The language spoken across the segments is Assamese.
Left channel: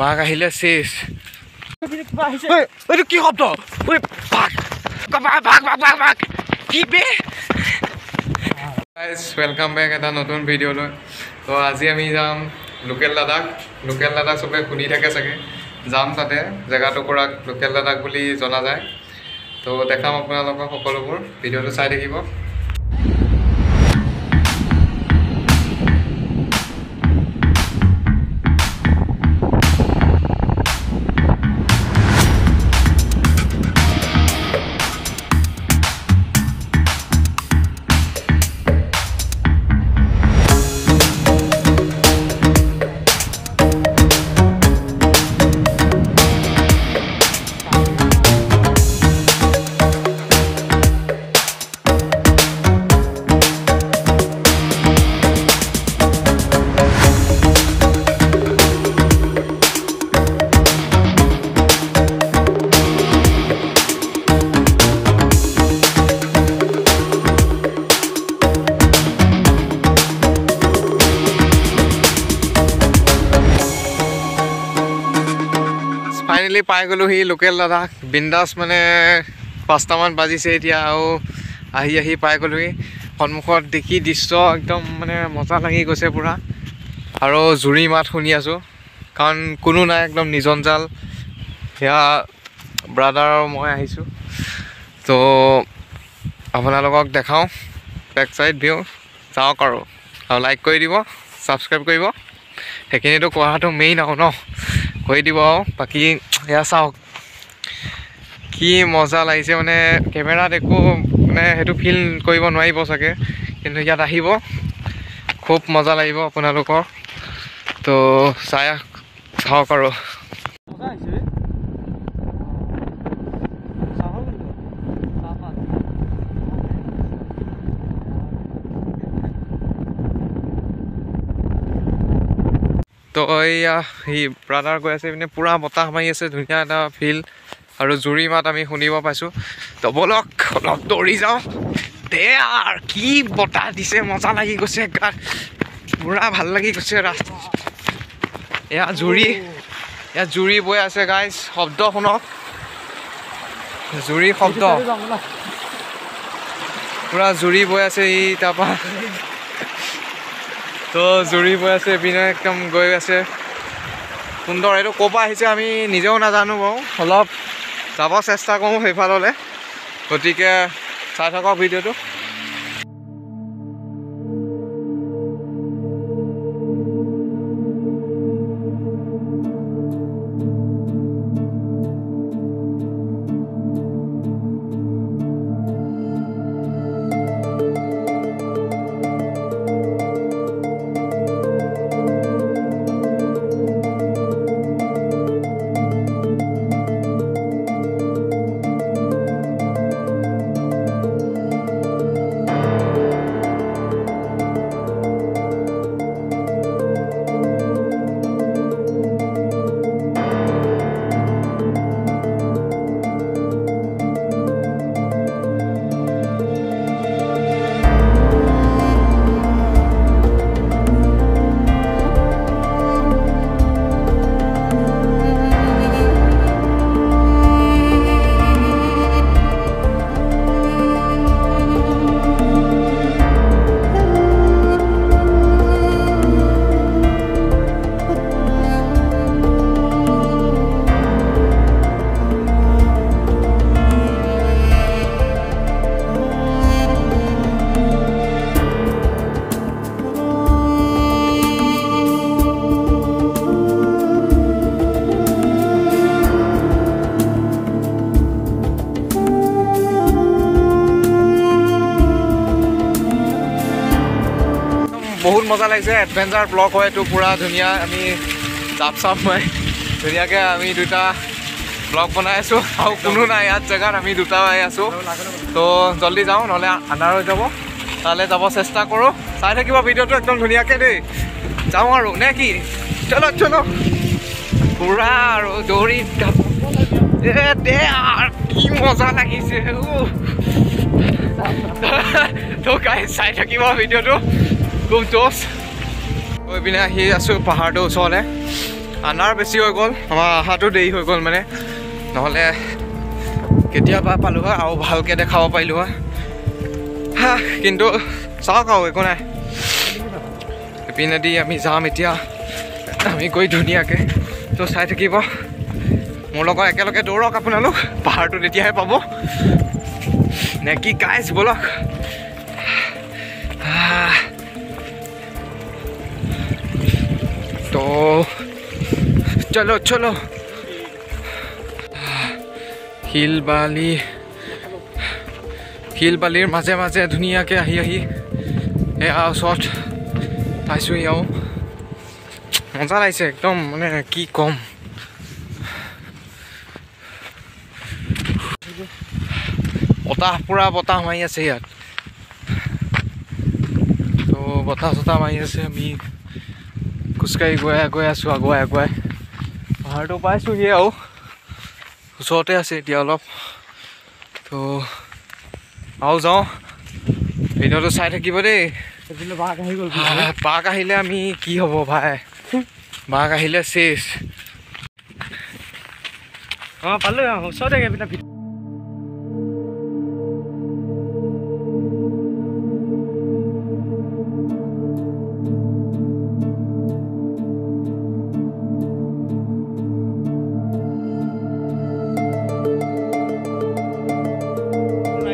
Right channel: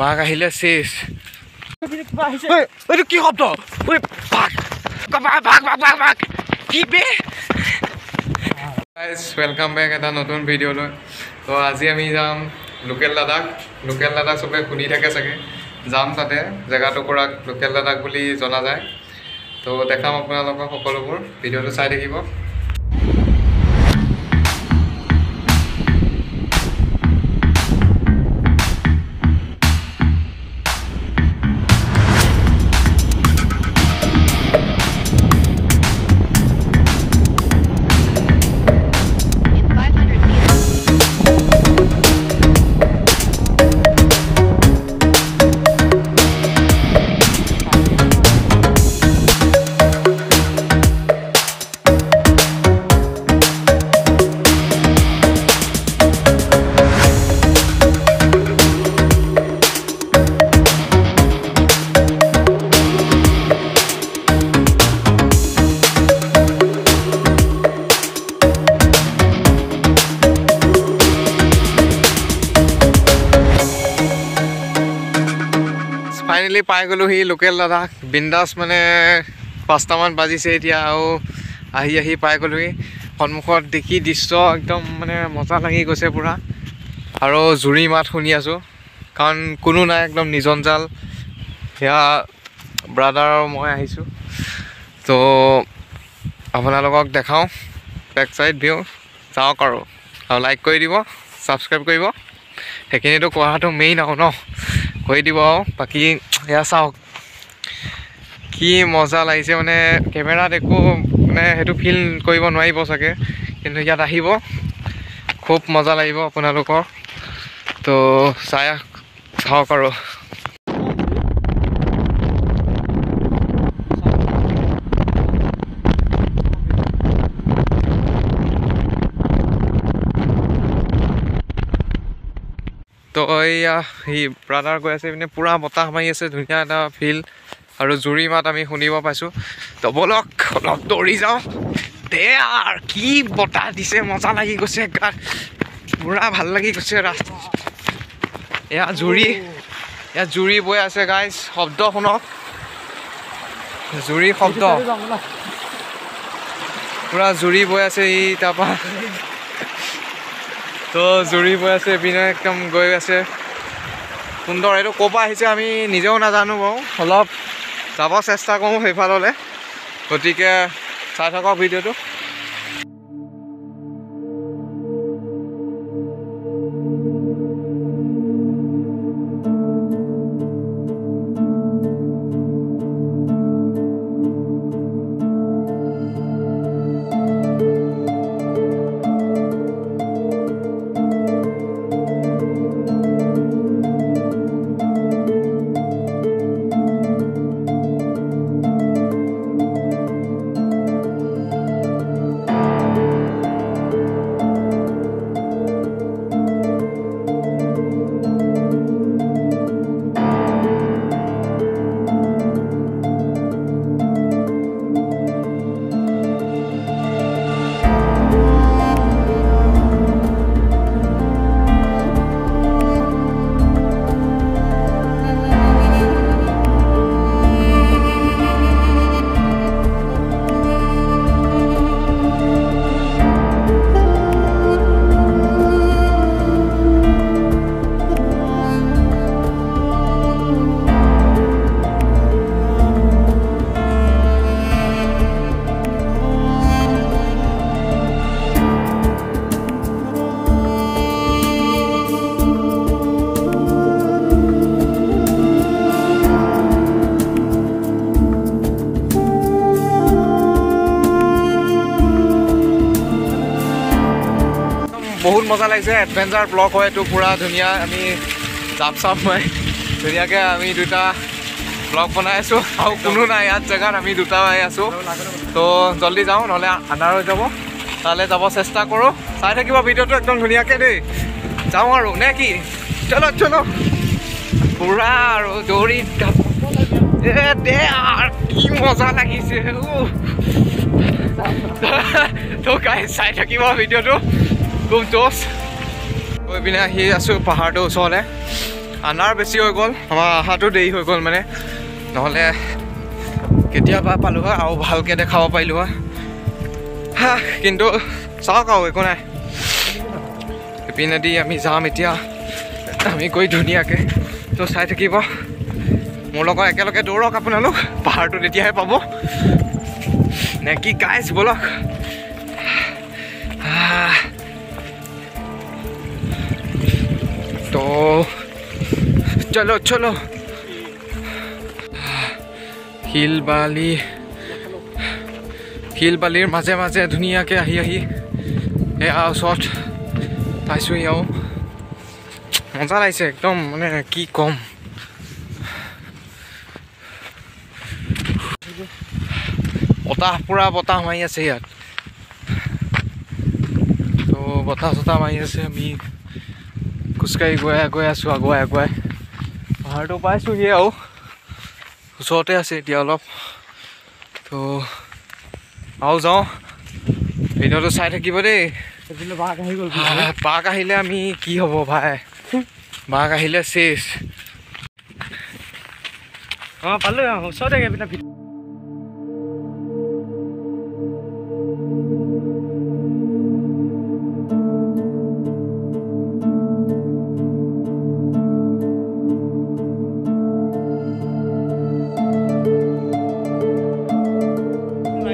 বাঘ আহিলে শেষ এইটো কি শব্দ কি বে ৱেলকাম বেক এটা নতুন ভিডিঅ'লৈ তো আজি আমি যাম লোকেল লাডাখ চবে শুনি থাকে চাগে যাম তাতে জেগাটুকুৰাক লোকেল লাডাখ বুলি জনা যায় তো দেখাম আপোনালোকক সকলোবোৰ ভিডিঅ'টো চাই থাকিব ফাইনেলি পাই গ'লো সি লোকেল লাডাখ বিন্দাছ মানে 5টামান বাজিছে এতিয়া আৰু আহি পাই গ'লোহি সন্মুখত দেখি দৃশ্য একদম মানে মজা লাগি গৈছে পূৰা আৰু জুৰি মাত শুনি আছোঁ কাৰণ কোনো নাই একদম নিজন-জাল সেয়া ব্ৰাদাৰ আৰু মই আহিছোঁ তো আপোনালোকক দেখাওঁ বেক চাইড ভিউ চাওক আৰু লাইক কৰি দিব ছাবস্ক্ৰাইব কৰিব সেইখিনিতো কোৱাটো মেইন আৰু ন কৰি দিব আৰু বাকী এয়া চাওক কি মজা লাগিছে মানে কেমেৰাত একো মানে সেইটো ফিল কৰিব নোৱাৰিব চাগে কিন্তু ইয়াত আহিব খুব মজা লাগিব আপোনালোকৰ তো চাওক আৰু তো এয়া সি ব্ৰাদাৰ গৈ আছে মানে পূৰা বতাহ মাৰি আছে ধুনীয়া এটা ফিল আৰু জুৰি মাত আমি শুনিব পাইছোঁ তো ব'লক অলপ দৌৰি যাওঁ দে আৰু কি বতাহ দিছে মজা লাগি গৈছে গাত পূৰা ভাল লাগি গৈছে ৰাস্তা এয়া জুৰি বৈ আছে গাইজ শব্দ শুনক জুৰি শব্দ পূৰা জুৰি বৈ আছে ই তাৰপৰা তো জুৰি বৈ আছে এইপিনে একদম গৈ আছে সুন্দৰ এইটো ক'ৰ পৰা আহিছে আমি নিজেও নাজানো বাৰু অলপ যাব চেষ্টা কৰোঁ সেইফাললৈ গতিকে চাই থাকক ভিডিঅ'টো বহুত মজা লাগিছে এডভেঞ্চাৰ ব্লগ হয় এইটো পূৰা ধুনীয়া আমি জাপ মাৰি ধুনীয়াকৈ আমি দুটা ব্লগ বনাই আছোঁ আৰু কোনো নাই ইয়াত জেগাত আমি দুটা আছোঁ তো জল্দি যাওঁ নহ'লে আন্ধাৰ হৈ যাব তালৈ যাব চেষ্টা কৰোঁ চাই থাকিব ভিডিঅ'টো একদম ধুনীয়াকৈ দেই যাওঁ আৰু নে কি চলো পুৰা আৰু দৌৰি দে আৰু কি মজা লাগিছে তো গাইজ চাই থাকিব ভিডিঅ'টো খুব জোচ গৈ পিনে আহি আছোঁ পাহাৰটোৰ ওচৰলৈ আন্ধাৰ বেছি হৈ গ'ল আমাৰ অহাটো দেৰি হৈ গ'ল মানে নহ'লে কেতিয়াবা পালোঁ হয় আৰু ভালকৈ দেখাব পাৰিলোঁ হয় কিন্তু চাওক আৰু একো নাই ইপিনেদি আমি যাম এতিয়া আমি গৈ ধুনীয়াকৈ তো চাই থাকিব মোৰ লগত একেলগে দৌৰক আপোনালোক পাহাৰটো তেতিয়াহে পাব নে কি গাইজ বলক তো চলো চলো শিল বালিৰ মাজে মাজে ধুনীয়াকৈ আহি এয়া ওচৰত পাইছোঁহি আৰু মজা লাগিছে একদম মানে কি ক'ম বতাহ পুৰা বতাহ মাৰি আছে ইয়াত তো বতাহ চতাহ মাৰি আছে আমি খোজকাঢ়ি গৈ আছোঁ আগুৱাই পাহাৰটো পাইছোঁহি আৰু ওচৰতে আছে এতিয়া অলপ তো আৰু যাওঁ ভিডিঅ'টো চাই থাকিব দেই বাঘ আহিলে আমি কি হ'ব ভাই বাঘ আহিলে চেচ অঁ পালোঁ ওচৰতে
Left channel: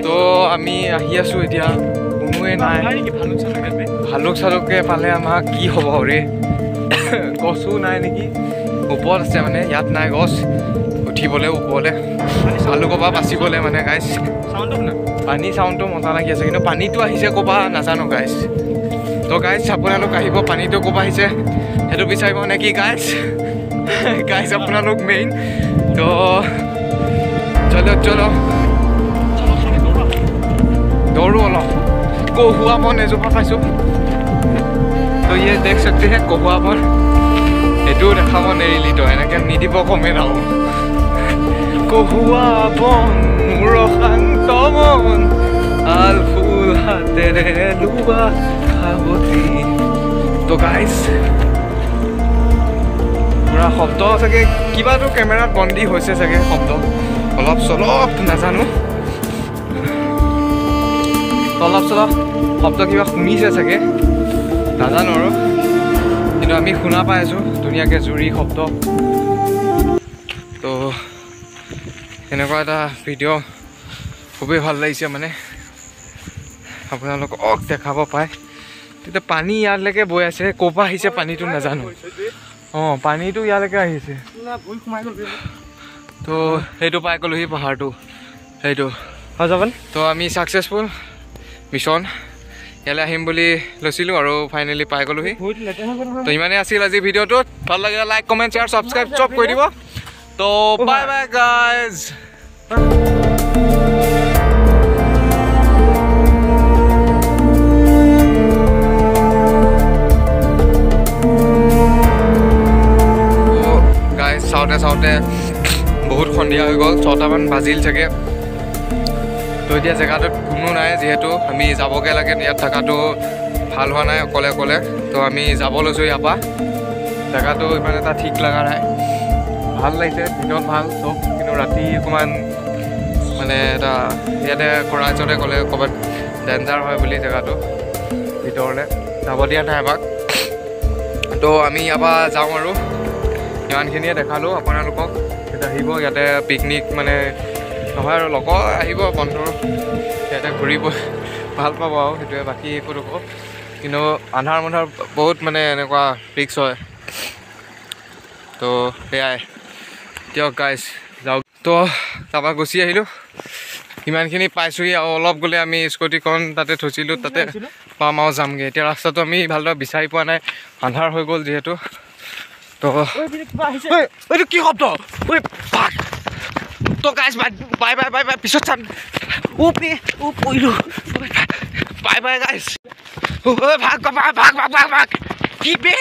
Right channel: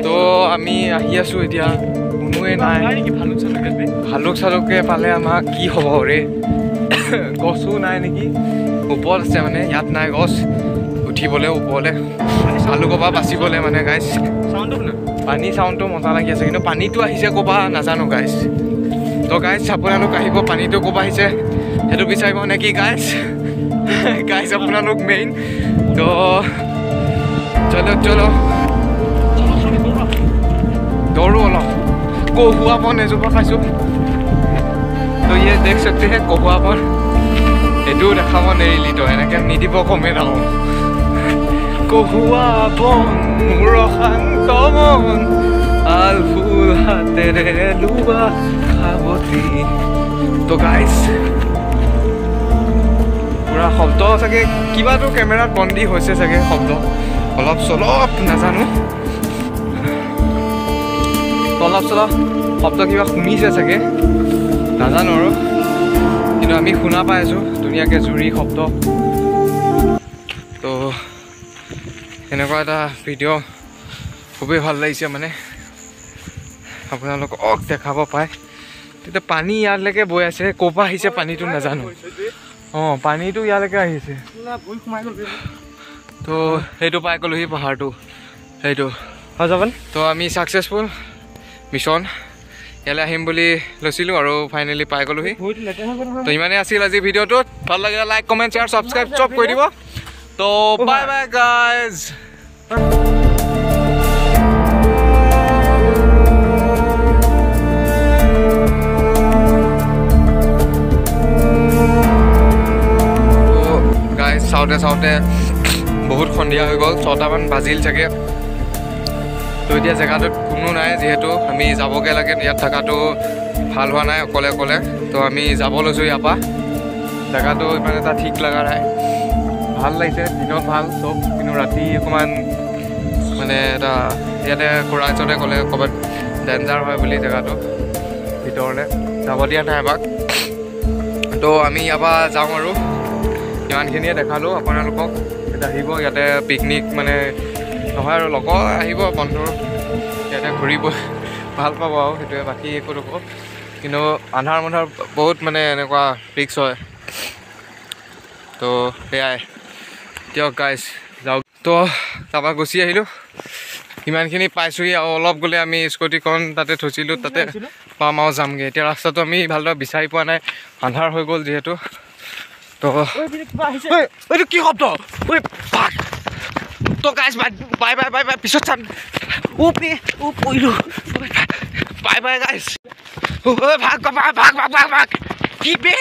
তো আমি আহি আছোঁ এতিয়া কোনোৱে নাই ভালুক চালুকে পালে আমাক কি হ'ব ৰে গছো নাই নেকি ওপৰত আছে মানে ইয়াত নাই গছ উঠিবলৈ ওপৰলৈ ভালুকৰ পৰা বাচিবলৈ মানে গাইজ পানী চাউণ্ডটো মজা লাগি আছে কিন্তু পানীটো আহিছে ক'ৰপৰা নাজানো গাইজ তো গাইজ আপোনালোক আহিব পানীটো ক'ৰপৰা আহিছে সেইটো বিচাৰিব নে কি গাইজ আপোনালোক মেইন তো চলো দৌৰো অলপ কহুৱা বন এজোপা পাইছোঁ তো ইয়ে দেখ सकते हैं কহুৱা বন এইটোও দেখাব নেৰিলি তই এনেকৈ নিদিব কমে নাও কহুৱা বন মোৰ শান্ত মন আল ফুল হাতেৰে লোৱা সাৱতি তো গাইজ পুৰা শব্দ চাগে কিবাটো কেমেৰাত বন্দী হৈছে চাগে শব্দ অলপ চলপ নাজানো অলপ চলপ শব্দ কিবা শুনিছে চাগে নাজানো আৰু কিন্তু আমি শুনা পাই আছোঁ ধুনীয়াকৈ জুৰি শব্দ তো এনেকুৱা এটা ভিডিঅ' খুবেই ভাল লাগিছে মানে আপোনালোকক দেখাব পায় তেতিয়া পানী ইয়ালৈকে বৈ আছে ক'ৰপৰা আহিছে পানীটো নাজানো অঁ পানীটো ইয়ালৈকে আহিছে তো সেইটো পাই গ'লোহি পাহাৰটো সেইটো হৈ যাব তো আমি ছাকচেছফুল মিছন ইয়ালৈ আহিম বুলি লৈছিলোঁ আৰু ফাইনেলি পাই গ'লোহি তো ইমানেই আছিল আজি ভিডিঅ'টোত ভাল লাগিলে লাইক কমেণ্ট শ্বেয়াৰ ছাবস্ক্ৰাইব চব কৰি দিব তো বাই বাই গাইজ গাইজ চাওঁতে বহুত সন্ধিয়া হৈ গ'ল 6টামান বাজিল চাগে তো এতিয়া জেগাটোত কোনো নাই যিহেতু আমি যাবগৈ লাগে ইয়াত থকাটো ভাল হোৱা নাই অকলে তো আমি যাব লৈছোঁ ইয়াৰ পৰা জেগাটো ইমান এটা ঠিক লগা নাই ভাল লাগিছে দিনত ভাল চব কিন্তু ৰাতি অকণমান মানে এটা ইয়াতে খুৰা এজনে ক'লে ক'ৰবাত ডেঞ্জাৰ হয় বুলি জেগাটো ভিতৰলৈ যাব দিয়া নাই আমাক তো আমি ইয়াৰ পৰা যাওঁ আৰু ইমানখিনিয়ে দেখালোঁ আপোনালোকক এতিয়া আহিব ইয়াতে পিকনিক মানে নহয় আৰু লগৰ আহিব বন্ধু ইয়াতে ঘূৰিব ভাল পাব আৰু সেইটোৱে বাকী একো নকওঁ কিন্তু আন্ধাৰ বহুত মানে এনেকুৱা ৰিক্স হয় তো সেয়াই দিয়ক গাইজ যাওক তো তাৰপৰা গুচি আহিলোঁ ইমানখিনি পাইছোঁহি আৰু অলপ গ'লে আমি স্কুটিখন তাতে থৈছিলোঁ তাতে পাম আৰু যামগৈ এতিয়া ৰাস্তাটো আমি ভালদৰে বিচাৰি পোৱা নাই আন্ধাৰ হৈ গ'ল যিহেতু তো এইটো কি শব্দ তো গাইজ বাই পিছত চাম পৰিলোঁ বাই গাইজ ভাগ কি বে